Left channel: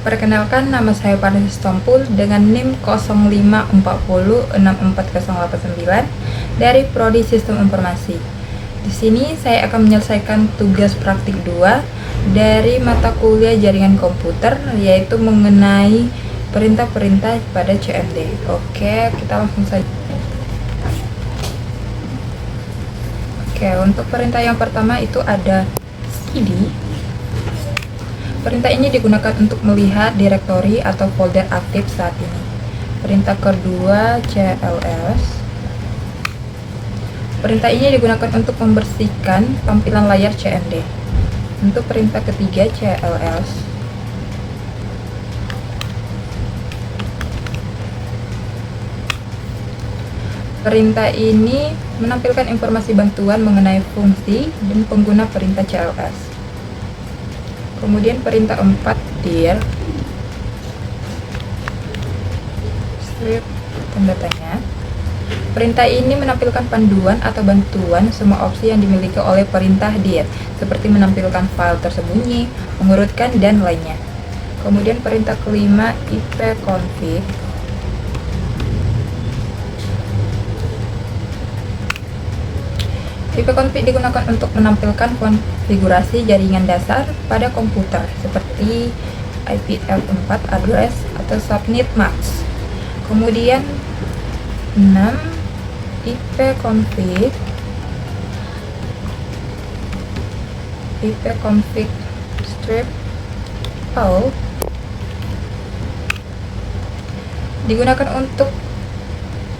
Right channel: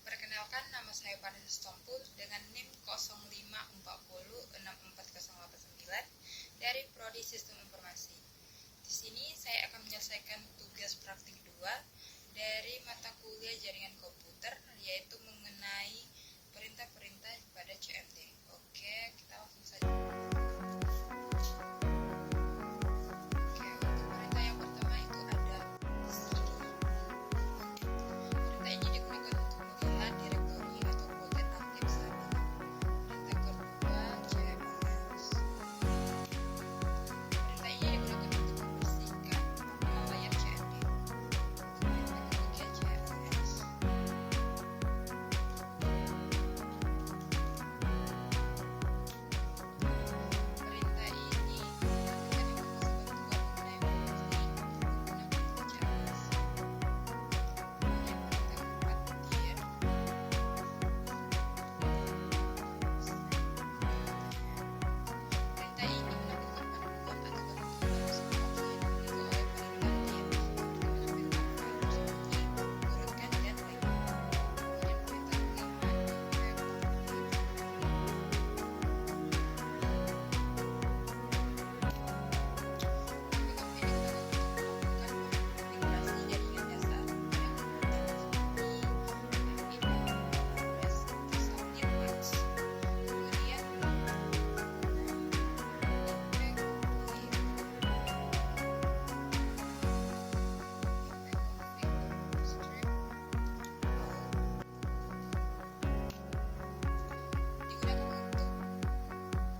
Perkenalkan, nama saya Vanessa Stompul dengan NIM 0540640889 dari Prodi Sistem Informasi. Di sini saya akan menyelesaikan tugas praktik 2 dari mata kuliah Jaringan Komputer, yaitu mengenai perintah-perintah pada CMD. Oke, kita langsung saja. Oke, untuk perintah yang pertama itu ada cd. Perintah ini digunakan untuk melihat direktori atau folder aktif saat ini. Perintah kedua cls. Perintah ini digunakan untuk membersihkan tampilan layar CMD. Untuk perintah ketiga cls. Perintah ini menampilkan informasi bantuan mengenai fungsi dan pengguna perintah cls. Kemudian perintah 4 dir strip tanda tanya. Perintah ini menampilkan panduan atau bantuan semua opsi yang dimiliki oleh perintah dir, seperti menampilkan file tersembunyi, mengurutkan, dan lainnya. Kemudian perintah kelima ipconfig. ipconfig digunakan untuk menampilkan konfigurasi jaringan dasar pada komputer seperti IPv4 address atau subnet mask. Kemudian 6 ipconfig strip all digunakan untuk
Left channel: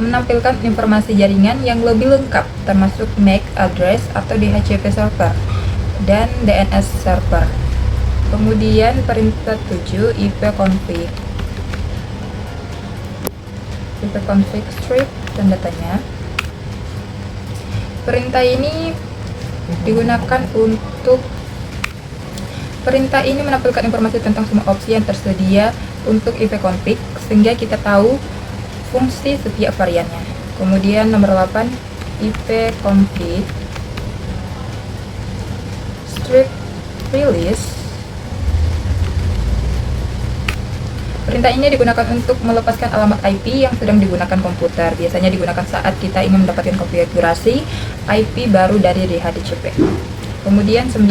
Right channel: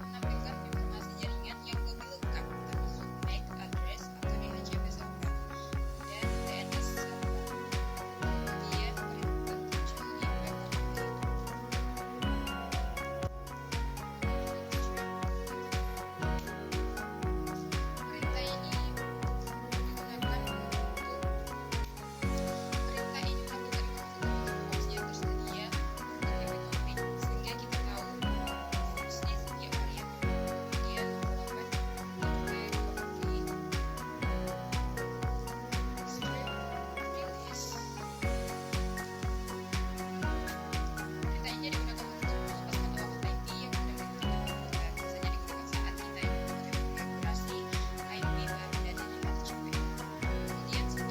menampilkan informasi jaringan yang lebih lengkap, termasuk MAC address atau DHCP server dan DNS server. Kemudian perintah 7 ipconfig strip tanda tanya. Perintah ini menampilkan informasi tentang semua opsi yang tersedia untuk ipconfig sehingga kita tahu fungsi setiap variannya. Kemudian nomor 8 ipconfig strip release. Perintah ini digunakan untuk melepaskan alamat IP yang sedang digunakan komputer. Biasanya digunakan saat kita ingin mendapatkan konfigurasi IP baru dari DHCP. Kemudian 9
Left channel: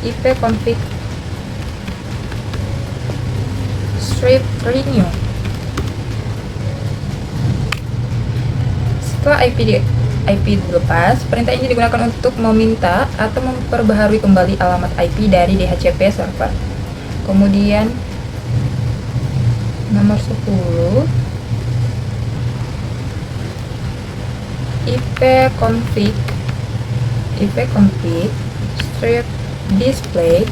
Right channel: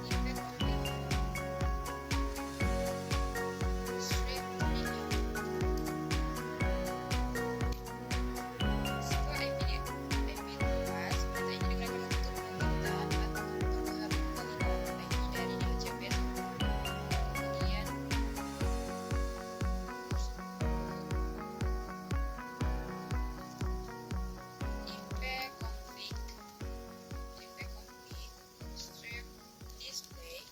ipconfig strip renew. Setelah IP dilepas, perintah ini digunakan untuk meminta atau memperbaharui kembali alamat IP dari DHCP server. Kemudian nomor 10 ipconfig strip display.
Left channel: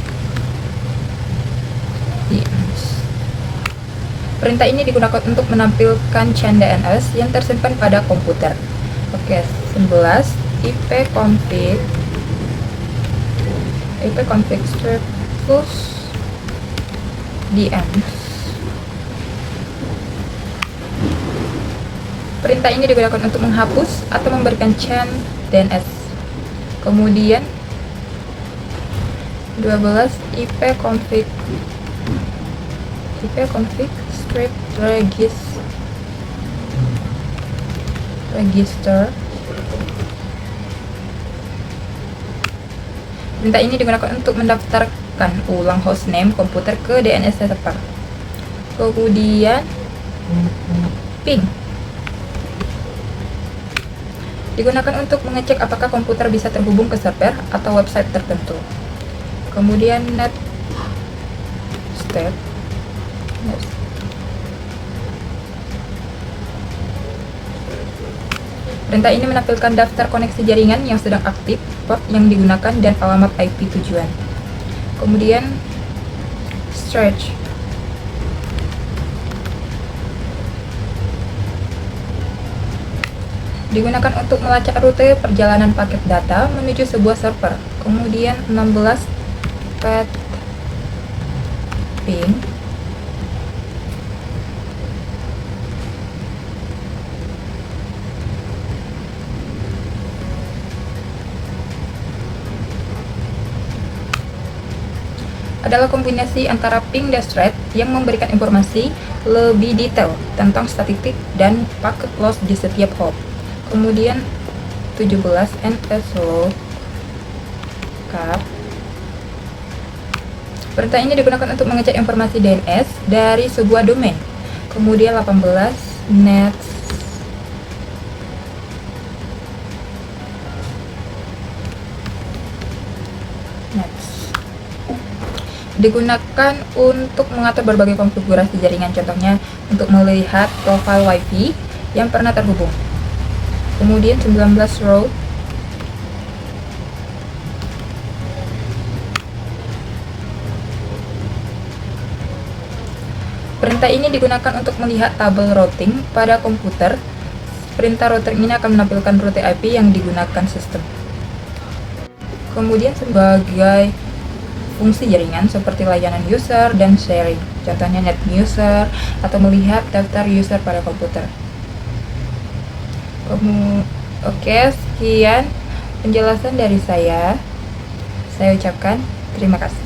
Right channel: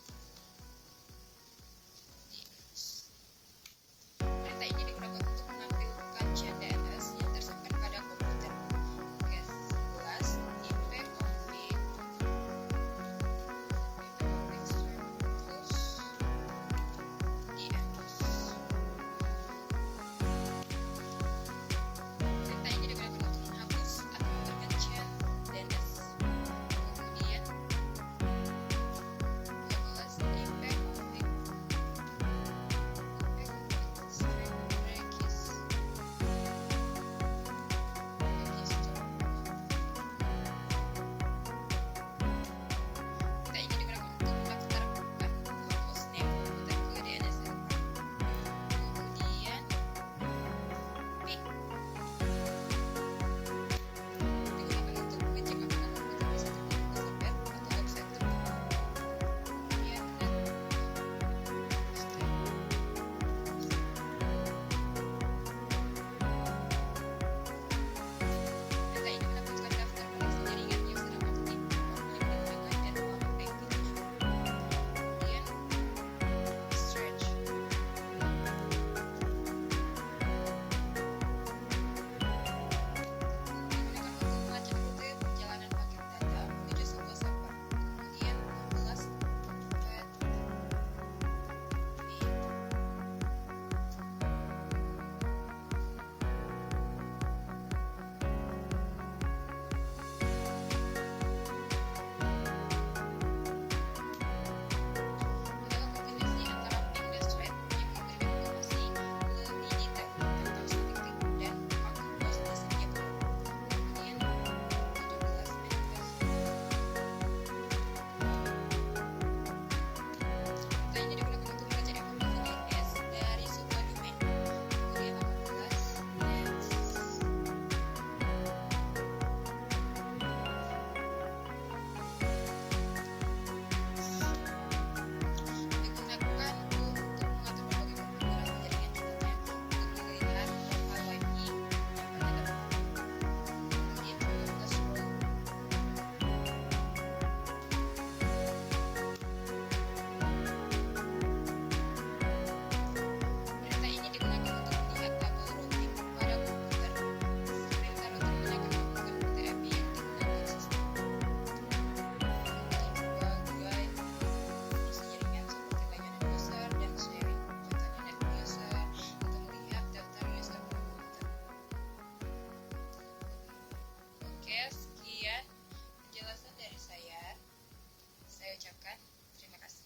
Perintah ini digunakan untuk menampilkan chain DNS yang tersimpan pada komputer. Oke, 11 ipconfig strip close DNS. Perintah ini digunakan untuk menghapus atau memberikan chain DNS. Kemudian 12 ipconfig strip register. Perintah ini digunakan untuk mendaftarkan ulang hostname komputer ke DNS server. Kemudian ping digunakan untuk mengecek apakah komputer bisa terhubung ke server atau website tertentu. Kemudian net step. Perintah ini menampilkan daftar koneksi jaringan yang sedang aktif, port yang digunakan, dan alamat IP tujuan. Kemudian stretch digunakan untuk melacak rute perjalanan paket data menuju sebuah server. Kemudian 16 path ping Ada adalah kombinasi antara ping dan thread yang memberikan informasi lebih detail tentang statistik dan packet loss di setiap hop. Kemudian 17 NSLOOKUP. Perintah ini digunakan untuk mengecek informasi DNS dari sebuah domain. Kemudian 18 nets digunakan untuk mengatur berbagai konfigurasi jaringan, contohnya untuk melihat profil WiFi yang pernah terhubung. Kemudian 19 row perintah ini digunakan untuk melihat tabel routing pada komputer. Perintah routing ini akan menampilkan rute IP yang digunakan sistem. Kemudian sebagai fungsi jaringan seperti layanan user dan sharing, contohnya net user atau melihat daftar user pada komputer. Oke, sekian penjelasan dari saya. Saya ucapkan terima kasih.